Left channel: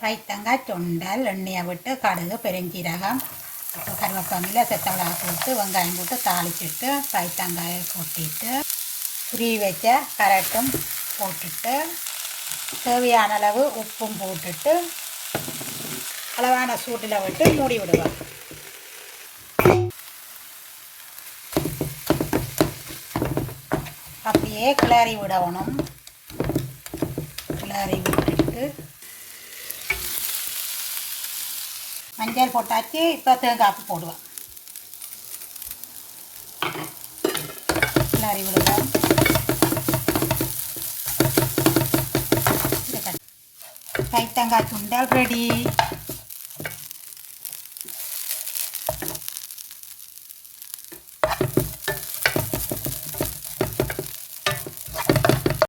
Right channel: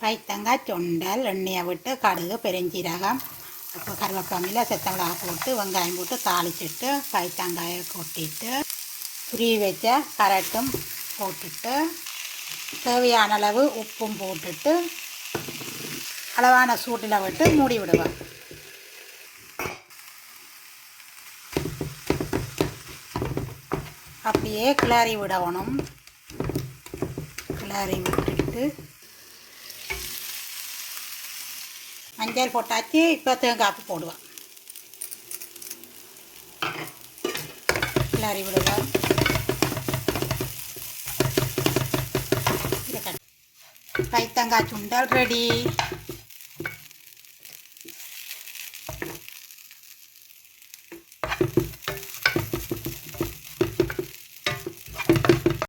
பைத்தங்காய் சுண்டல் எண்ணெயை விட்டு கடுகு பெருஞ்சீரகம் அப்புறம் கருவேப்பிலை செத்தமிளகா போட்டு வெங்காயம் போட்டு தாளிச்சிட்டு பைத்தங்காயை கொட்டிட்டு துருவி வச்ச கரட்டும் போட்டுட்டு தேவையான அளவு உப்பும் போட்டுட்டு அளவான சூட்டில் விட்டு மூடி விடுவோம். அப்படியே கிளறி விடணும். கிளறி விட்டுட்டு மஞ்சள் போட்டாச்சு. இப்போ தேங்காய்ப்பு போடுவோம். கிளறி விடுவோம். பைத்தங்காய் சுண்டல் ரெடி.